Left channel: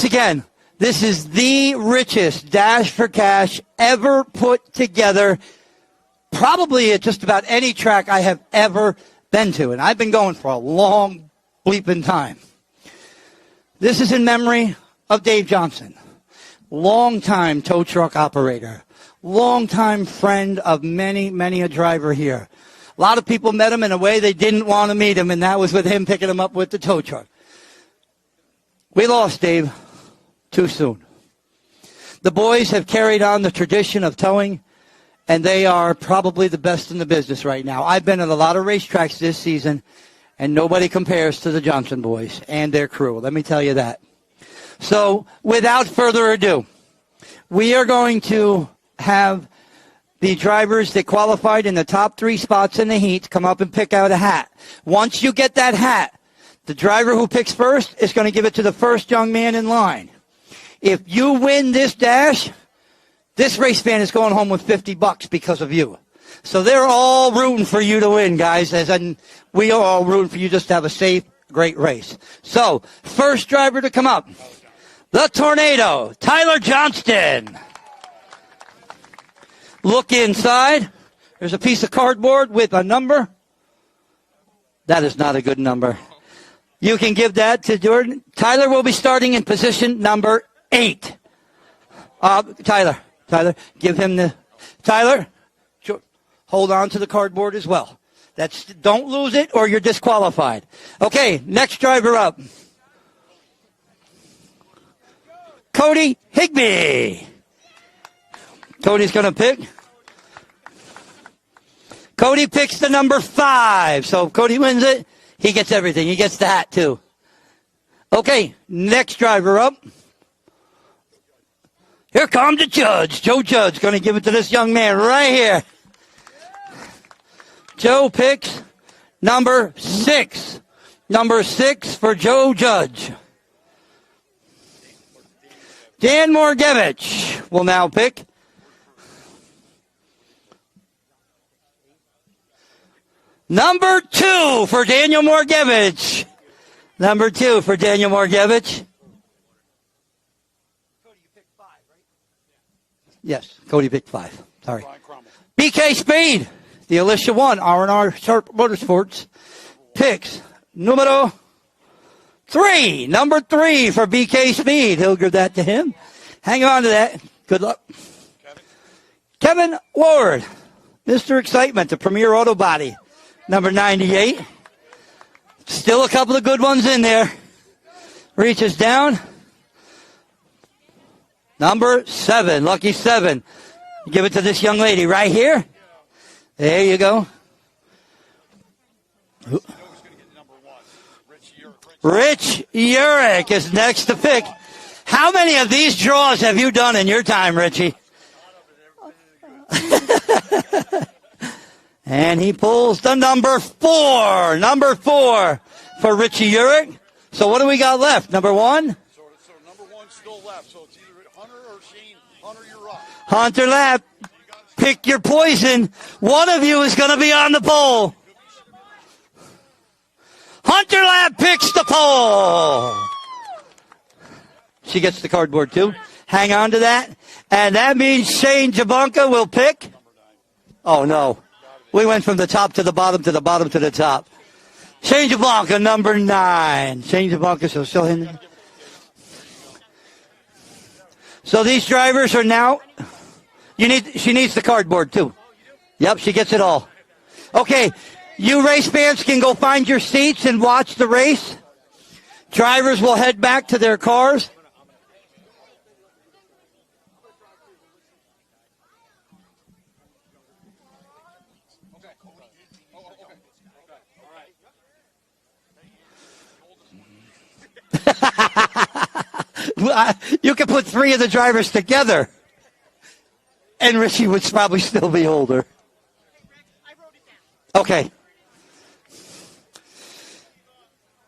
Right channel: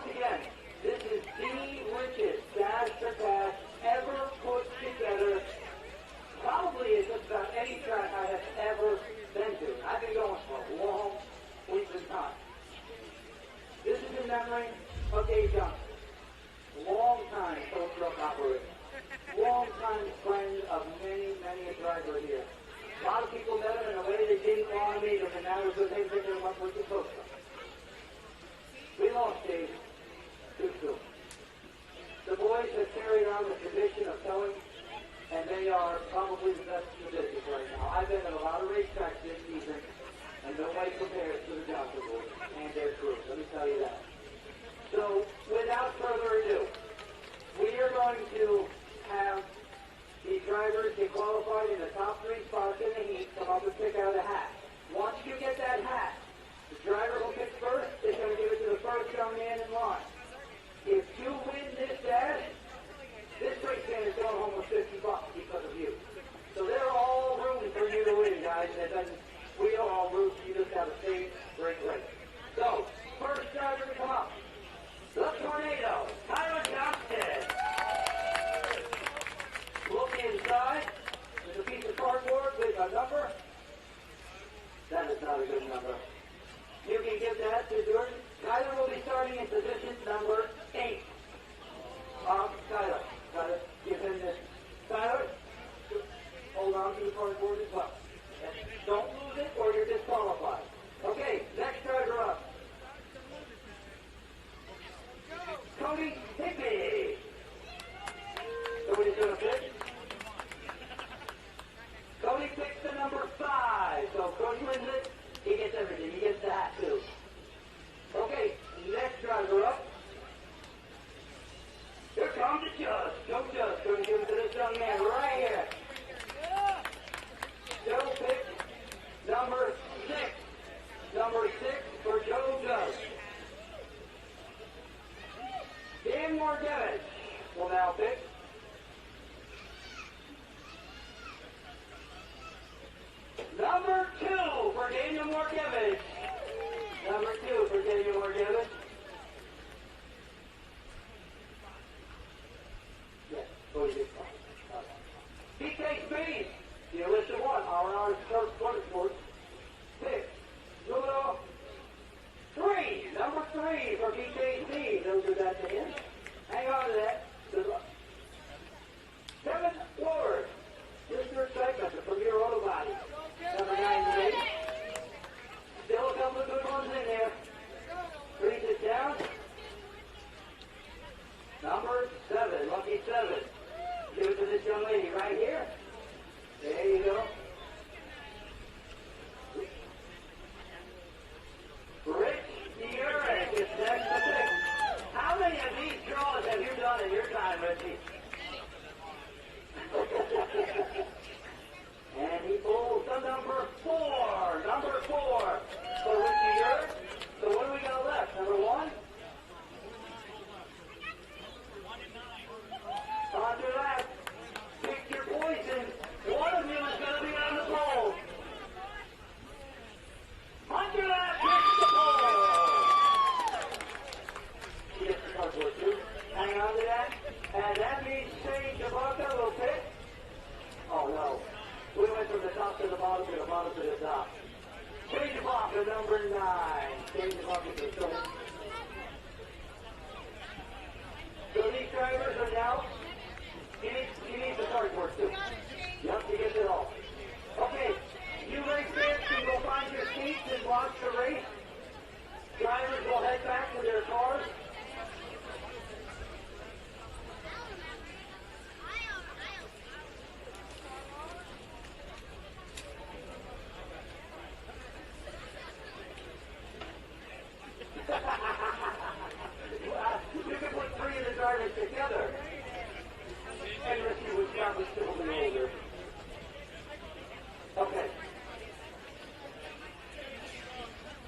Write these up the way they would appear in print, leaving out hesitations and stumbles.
once again, this is the richest dash for cash ever put together, probably at just about any track I have ever been to. And I've been going for a long bleeping time. This is in memory of Dave Johnson, longtime tow truck operator, longtime friend of many, many a driver here. A lot of people met him in a way they didn't want to meet him, and that was with him picking him up with the tow truck. We lost Dave too soon. The boys have carried on the tradition of towing, and they are probably the best in the business right now. I've been at a lot of racetracks this season, and nobody compares to the Johnson boys and their crew. Let me tell you that. So, without further ado, we are going to have the drivers that qualified in the top 3 spots in the heat come up and pick out a hat. Once you get that hat, the driver who picks first is going to give it to the first young man in line. If you win this dash, this race fan is going home with $50 because of you. So they're all rooting for you to win, guys, we are all rooting for you just to have a safe, great race. So, first driver to come up, the Tornado, Tyler Johnston. Look inside. There's a piece of cardboard with a number. That is not a good number. You can give that to Jordan. Tyler will be starting in position number 8. Tyler, give him the... Tyler, hold on to the cardboard as well. Don't lose it or you're disqualified. Okay, next driver up. Cody Higbee. Cody's going to pick. Cody picks the number 5. So if Cody wins it, he gets everything. He gets the hat, too. Okay, next driver up. Here comes the judge. Joe Judge going to give it to this young man right here. Joe picks number 6. Number 6 for Joe Judge. Dan Morgevich will now pick. Number 2 for Daniel Morgevich. Number 2 for Daniel Morgevich. Yes, Cody picked 5. Sorry. BK Speed. The Alicia 1, R&R Motorsports, picks numero 3. Number 3 for BK Speed. He'll give that to him. Hang on to that. Good luck. Kevin Ward, Mr. Excitement, the Premier Auto Body, number 98. Still a couple of good ones in there. Reaches down. Number 7, lucky 7. Give it to this young lady right here. There you go. Rich Urich is next to pick. How many of these draws have you done in your time, Richie? And he pulls the number 4. Number 4 for Richie Urich. So what do we got left? Number 1? So number 1's still left. So it's either Hunter or C. Hunter, you're up. Hunter Lapp. Pick your poison. One of you is going to be on the pole. Hunter Lapp picks the pole. She gets the cardboard too. Hang on to that. And that means Shane Jabunka will pick. Oh, no. We went from the top to the bottom to the bottom to the top. Shane Jabunka, number 9. Shane Jabunka, so show him. So these drivers are now... She needs the cardboard, too. Yep, she gets it all. Okay, you race fans can go find your seats and watch the race. Drivers will head back to their cars. You could put 3 of the drivers together. And Richie would probably still be older. Okay.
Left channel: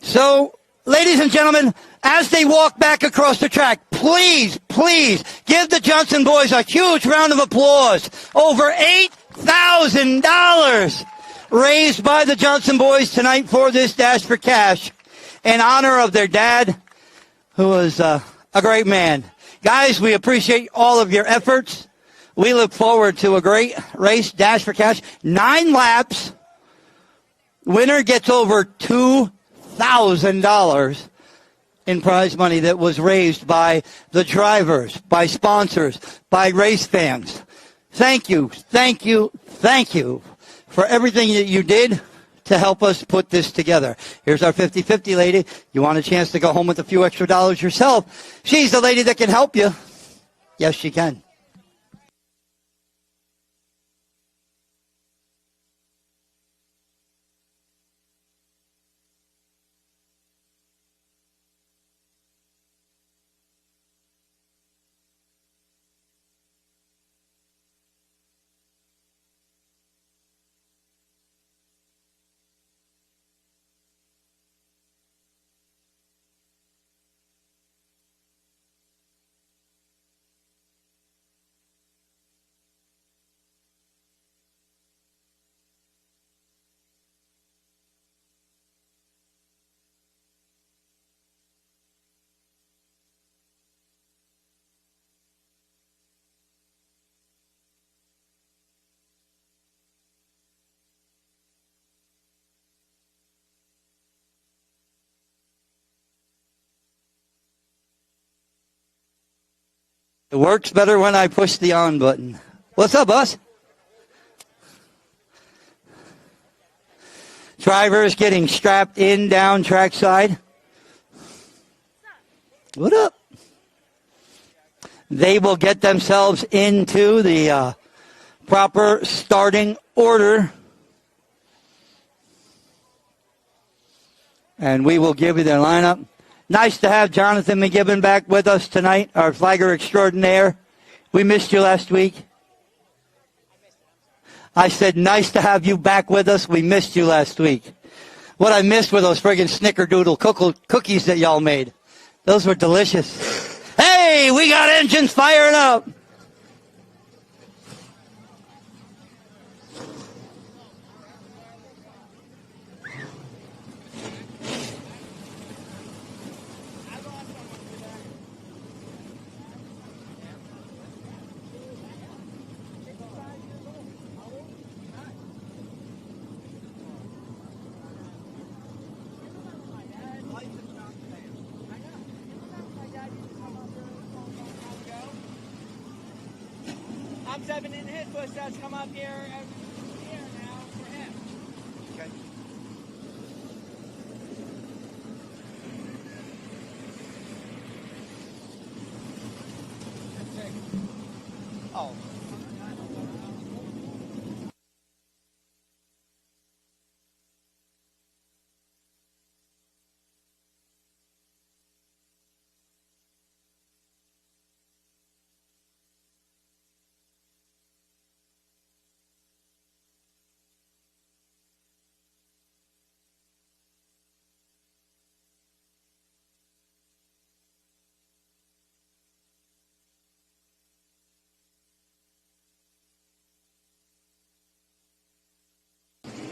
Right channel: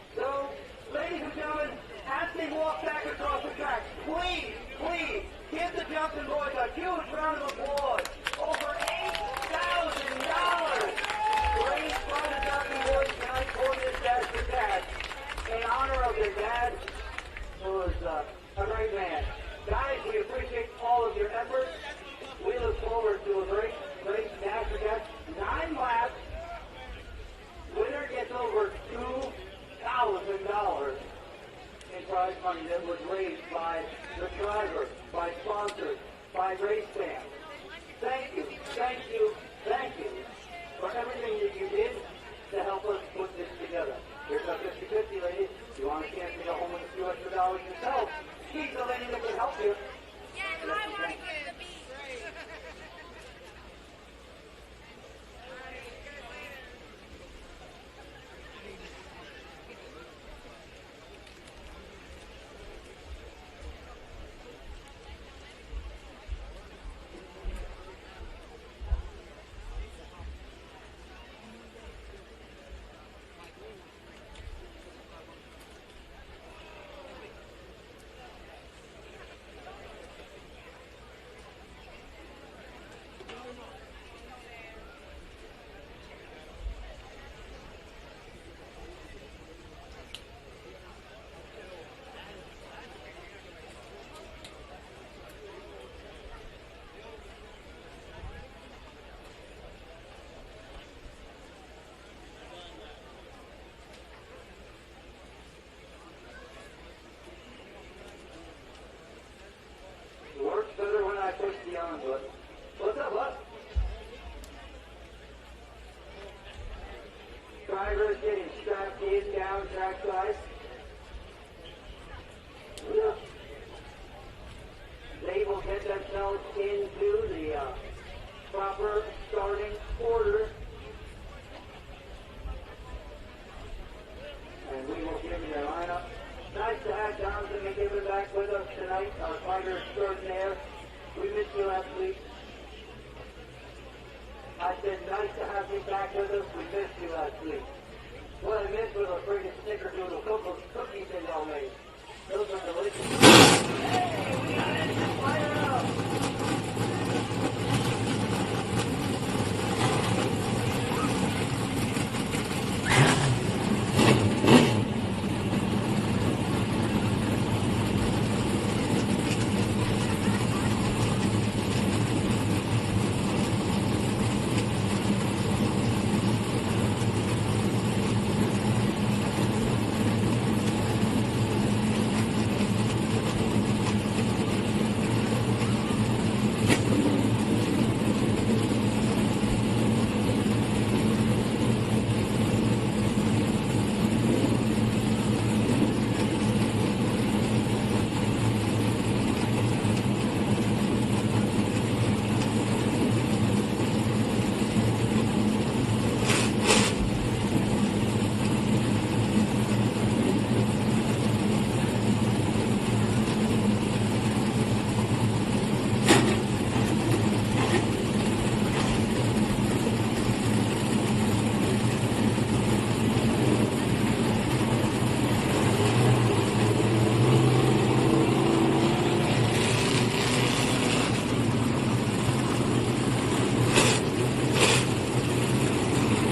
So, ladies and gentlemen, as they walk back across the track, please, please give the Johnson boys a huge round of applause. Over $8,000 raised by the Johnson boys tonight for this Dash for Cash in honor of their dad, who was a a great man. Guys, we appreciate all of your efforts. We look forward to a great race, Dash for Cash. 9 laps. Winner gets over $2,000 in prize money that was raised by the drivers, by sponsors, by race fans. Thank you, thank you, thank you for everything that you did to help us put this together. Here's our 50-50 lady. You want a chance to go home with a few extra dollars yourself? She's the lady that can help you. Yes, she can. It works better when I push the on button. What's up, boss? Drivers getting strapped in down trackside. What up? They will get themselves into the proper starting order. And we will give you their lineup. Nice to have Jonathan McGibbon back with us tonight, our flagger extraordinaire. We missed you last week. I said, nice to have you back with us. We missed you last week. What I missed were those friggin' snickerdoodle cookies that y'all made. Those were delicious. Hey, we got engines firing up.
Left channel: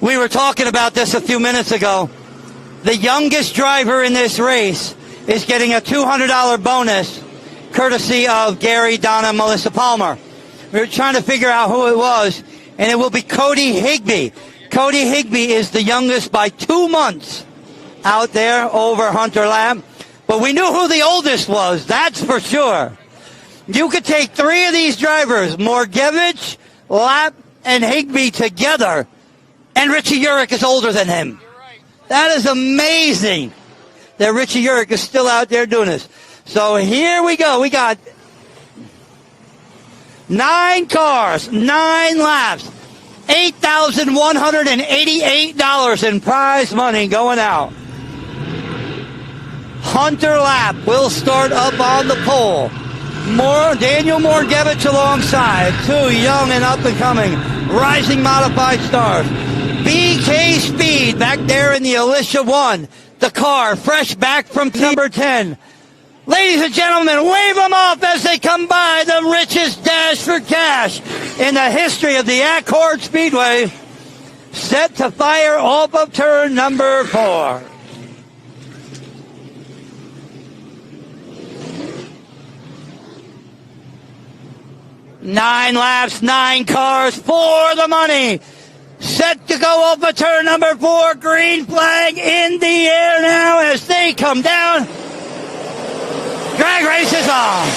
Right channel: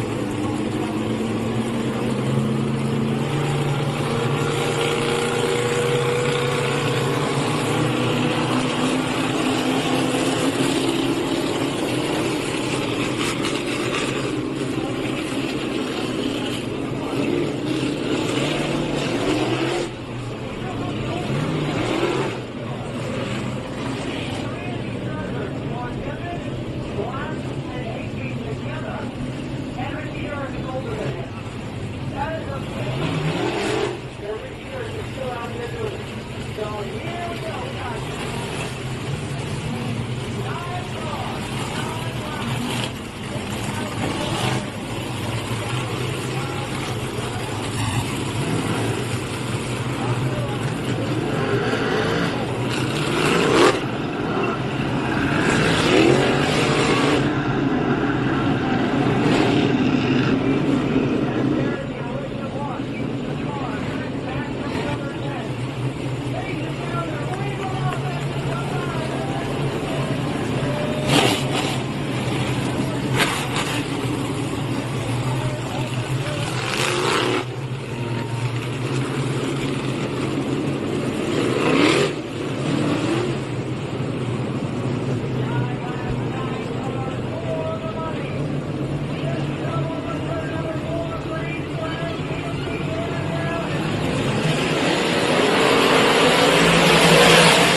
We were talking about this a few minutes ago. The youngest driver in this race is getting a $200 bonus courtesy of Gary, Donna, Melissa Palmer. We were trying to figure out who it was, and it will be Cody Higbee. Cody Higbee is the youngest by 2 months out there over Hunter Lap. But we knew who the oldest was, that's for sure. You could take 3 of these drivers, Morgevich, Lap, and Higbee together, and Richie Urich is older than him. That is amazing that Richie Urich is still out there doing this. So here we go. We got 9 cars, 9 laps, $8,188 in prize money going out. Hunter Lap will start up on the pole. Daniel Morgevich alongside, 2 young and up and coming, rising modified stars. BK Speed back there in the Alicia 1. The car fresh back from number 10. Ladies and gentlemen, wave them off as they come by. The richest dash for cash in the history of the At Accord Speedway. Set to fire off of turn number 4. 9 laps, 9 cars for the money. Set to go over turn number 4. Green flag in the air now as they come down. Drag race is on.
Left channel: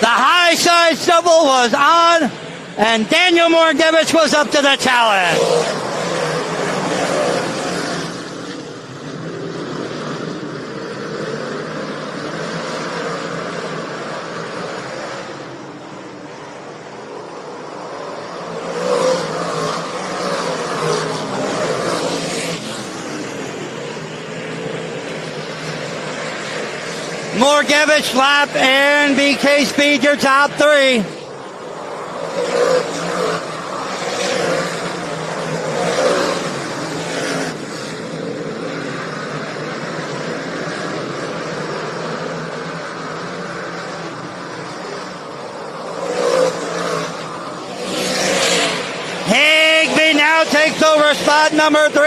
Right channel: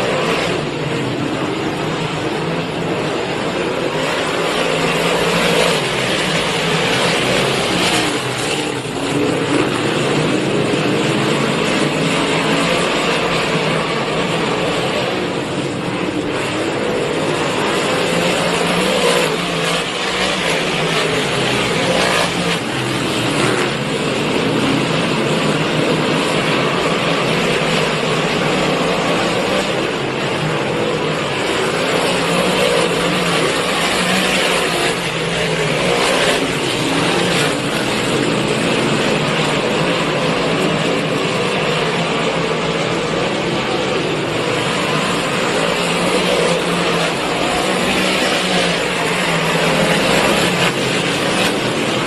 The high side stumble was on, and Daniel Morgevich was up to the challenge. Morgevich lap and BK Speed your top 3. Higby now takes over spot number 3,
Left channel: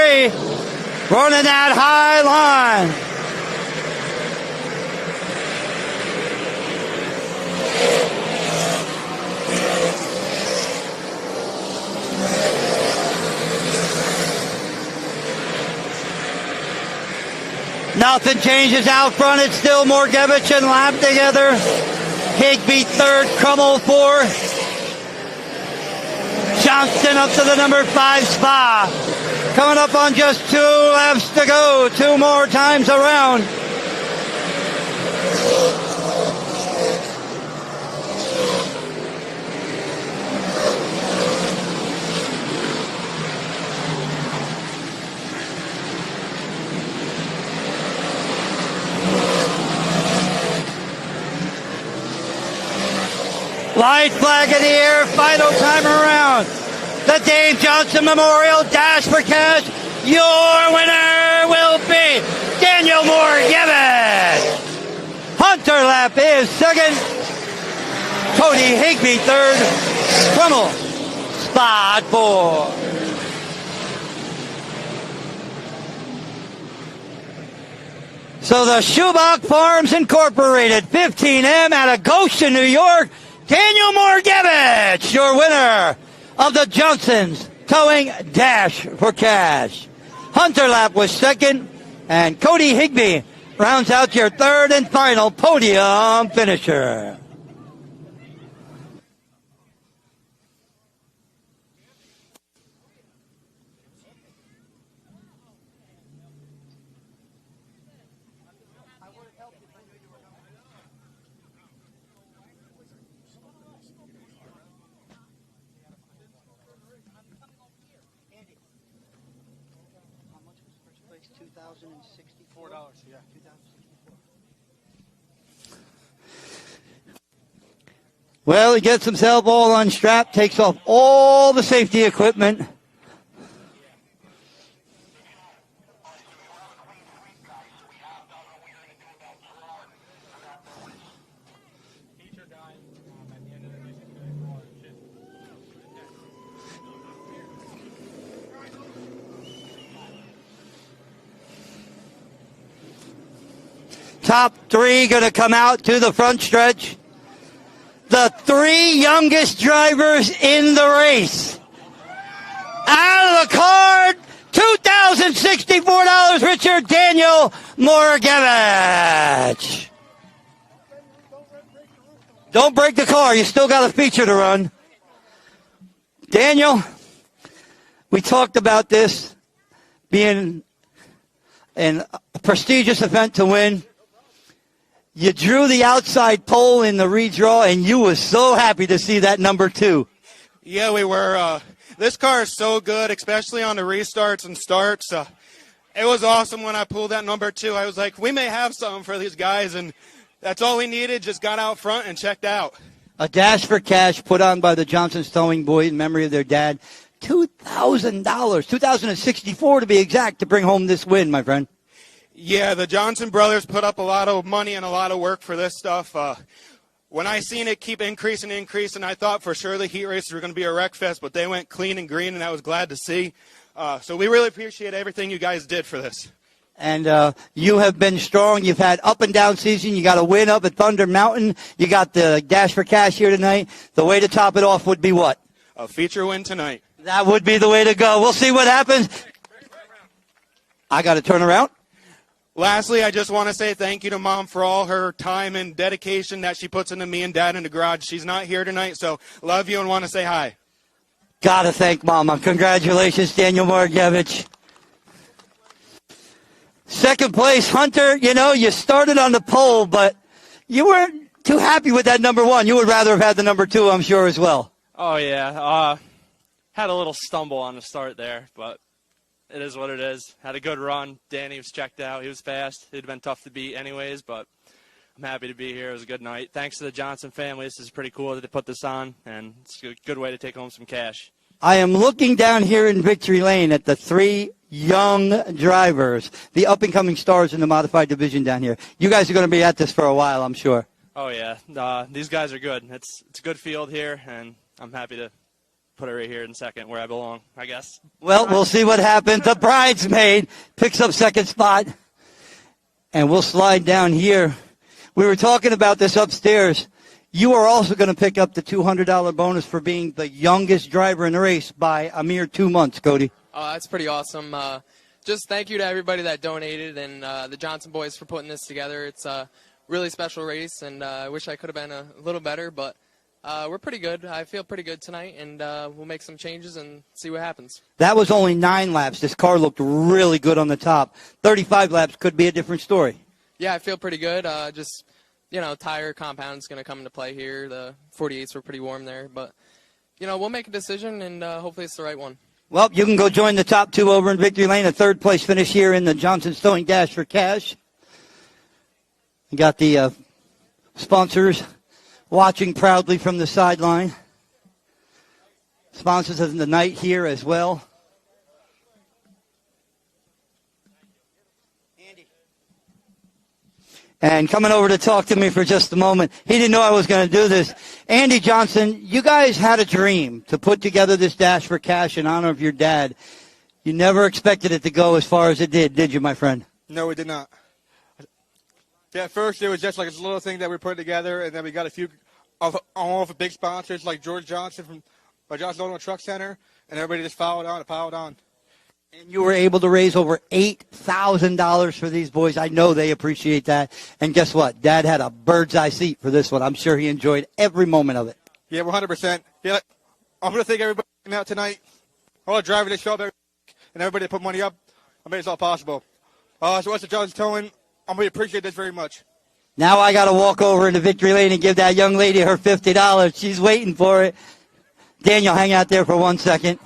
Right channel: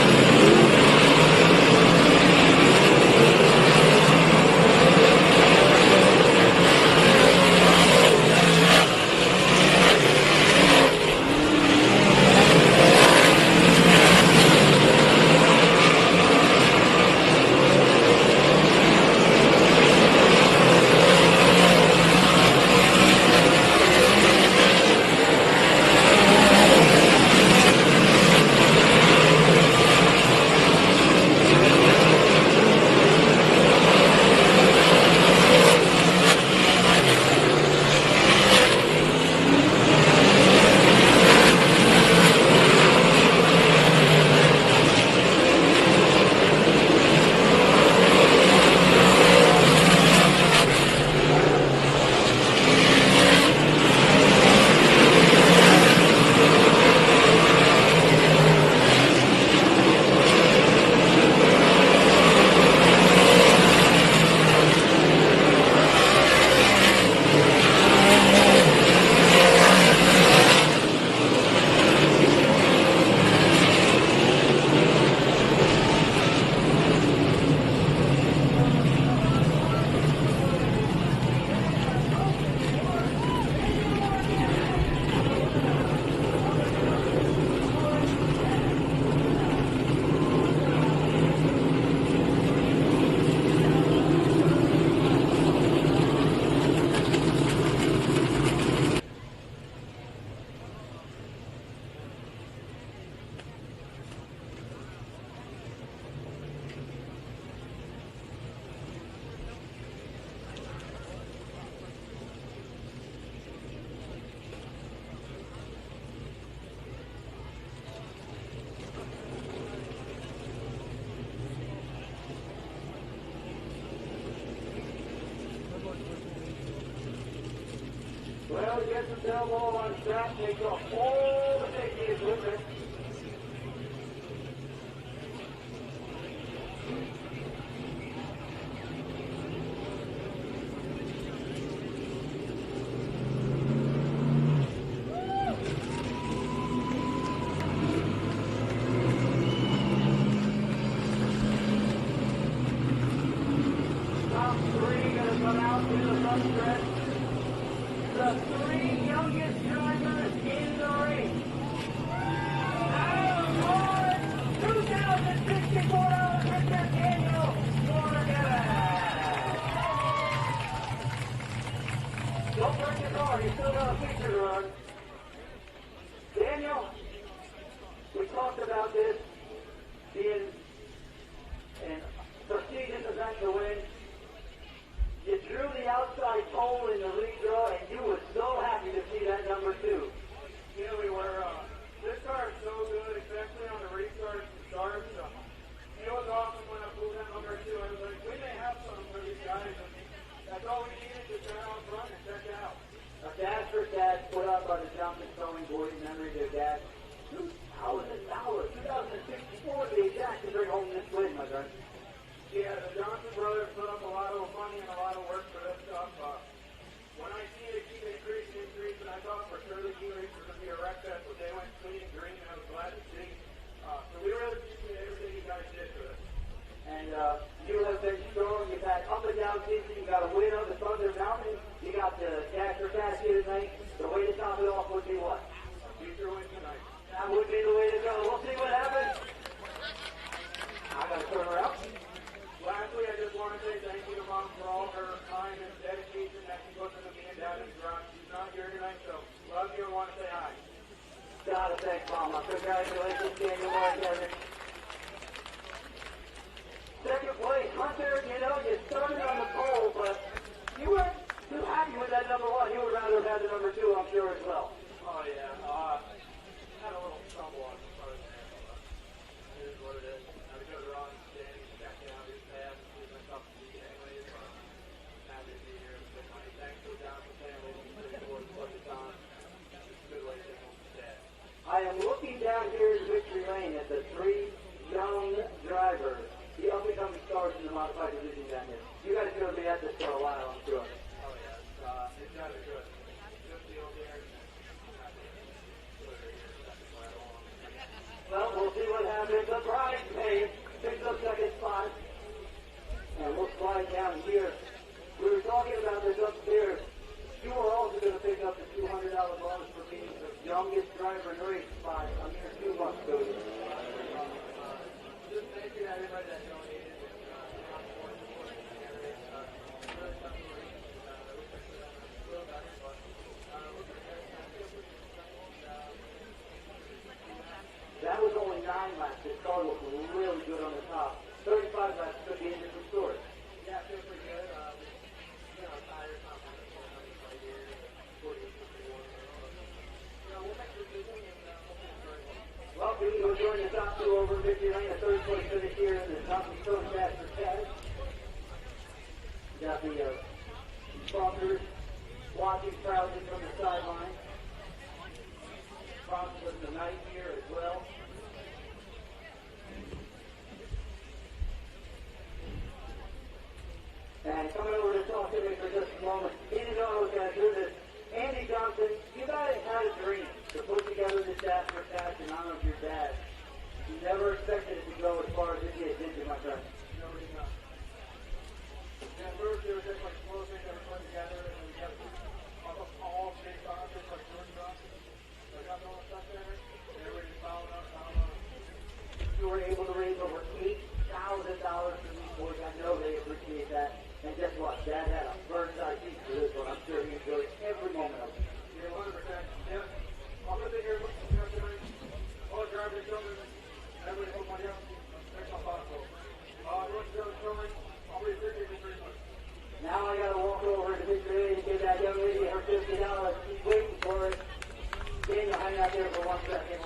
running that high line. Nothing changes out front. It's still Morgevich and lap together. Higby 3rd, Crummel 4th. Johnson up to the number 5 spot. Coming up on just 2 laps to go. 2 more times around. Light flag in the air, final time around. The Dave Johnson Memorial Dash for Cash. Your winner will be Daniel Morgevich. Hunter Lap is 2nd. Cody Higby 3rd. Crummel, spot 4. So the Schubach Farms Incorporated 15M out of Goshen, New York. Daniel Morgevich, your winner of the Johnson's Towing Dash for Cash. Hunter Lap was 2nd, and Cody Higby rounds out your 3rd and final podium finisher. Well, he gets himself all unstrapped, takes off all the safety equipment. Top 3 going to come out to the front stretch. The 3 youngest drivers in the race. Out of the card, $2,064, Richard Daniel Morgevich. Don't break the car. You still got a feature to run. Daniel, we talked about this being a prestigious event to win. You drew the outside pole in the redraw, and you were so happy to see that number 2. Yeah, we were. This car is so good, especially on the restarts and starts. It was awesome when I pulled that number 2. I was like, we may have something for these guys, and that's all we needed. Just got out front and checked out. A dash for cash put on by the Johnson Towing boys in memory of their dad. $2,000, $2,064 to be exact, to bring home this win, my friend. Yeah, the Johnson brothers put up a lot of money and a lot of work for this stuff. When I seen it keep increasing, I thought for sure the heat races were going to be a wreck fest, but they went clean and green, and I was glad to see. So we really appreciate everything you guys did for this. And you have been strong. You've had up and down season. You got a win up at Thunder Mountain. You got the Dash for Cash here tonight. The way to top it off would be what? A feature win tonight. That would be the way to go. We'll see what happens. I got to turn around. Lastly, I just want to say thank you to Mom for all her time and dedication that she puts into me and Dad in the garage. She's not here tonight, so love you and want to say hi. Got to thank Mama. Congratulations, Daniel Margevich. Second place, Hunter. You know, you started on the pole, but you weren't too happy with that number one. You would rather have had the number two, I'm sure, as well. Oh, yeah. Had a little stumble on the start there, but it is what it is. Had a good run. Danny was checked out. He was fast. It'd been tough to beat anyways, but I'm happy to be here. It was a good night. Thanks to the Johnson family. This is pretty cool that they put this on, and it's a good way to take home some cash. I am looking down here in Victory Lane at the three young drivers, the up-and-coming stars in the modified division down here. You guys are going to be at this for a while, I'm sure. Oh, yeah. These guys are good. It's a good field here, and I'm happy to put it right here in second where I belong, I guess. Well, we'll see what happens. The bridesmaid picks up second spot, and we'll slide down here. We were talking about this upstairs. You are also going to pick up the $200 bonus for being the youngest driver in the race by a mere 2 months, Cody. Oh, that's pretty awesome. Just thank you to everybody that donated and the Johnson boys for putting this together. It's a really special race, and I wish I could have been a little better, but we're pretty good. I feel pretty good tonight, and we'll make some changes and see what happens. That was only 9 laps. This car looked really good on the top. 35 laps could be a different story. Yeah, I feel pretty good. Just, tire compound's going to come into play here. The 48s were pretty warm there, but, we'll make a decision, and hopefully it's the right one. Well, you can go join the top two over in Victory Lane. A third-place finish here in the Johnson Stowing Dash for Cash. You got the sponsors watching proudly from the sideline. Sponsors of the night here as well. And coming over to talk to me for just a moment, he didn't know I was going to do this. Andy Johnson, you guys had a dream to put together this Dash for Cash in honor of your dad. You never expected it to go as far as it did you, my friend? No, we did not. Yeah, at first it was just like a little thing that we put together, and then we got a few of big sponsors like George Johnson from Johnson Auto Truck Center, and everybody just followed on and piled on. You were able to raise over $8,000 for these boys. I know they appreciate that. And guess what? Dad had a bird's eye seat for this one. I'm sure he enjoyed every moment of it. Yeah, 100%. Yeah, I'm going to thank everybody out tonight, all the drivers that showed up, and everybody that put money up. I made this all possible. So what's the Johnson Towing? I'm going to appreciate this very much. Now I got to walk over into Victory Lane and give that young lady her $50. She's waiting for it. Daniel, hang out there for 1 second.